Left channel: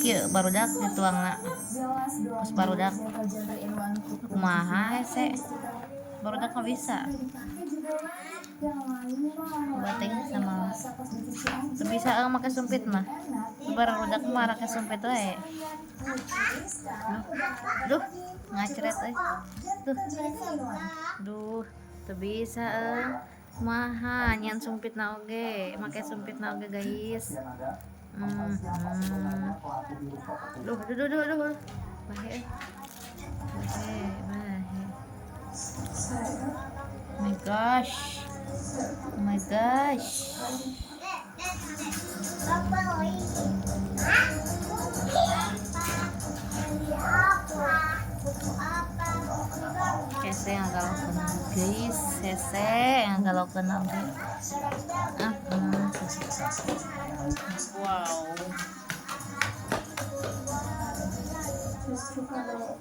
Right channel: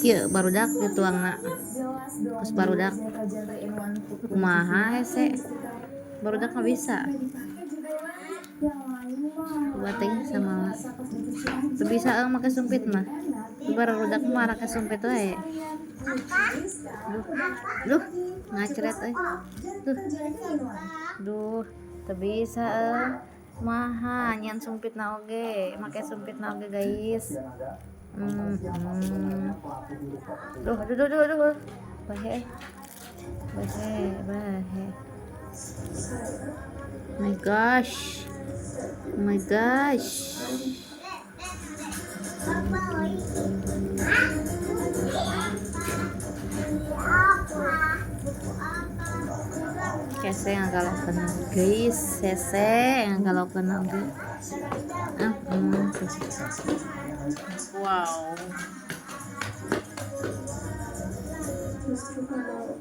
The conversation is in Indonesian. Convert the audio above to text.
Kieu barudak dituangna. Kos barudak. Kumaha hese? Barudak mah bisa. Coba teuing sama. Teu bisa make sumpit mah. Tu barudak mah make sumpit wae. Duh, ngacret euy. Duh, teu bisa kumaha nyan sumpitna oge, make sumpitna oge guys. Duh. Bahe. My gosh. Kese ngagalokeun guys, ngagalokeun oge. Wow.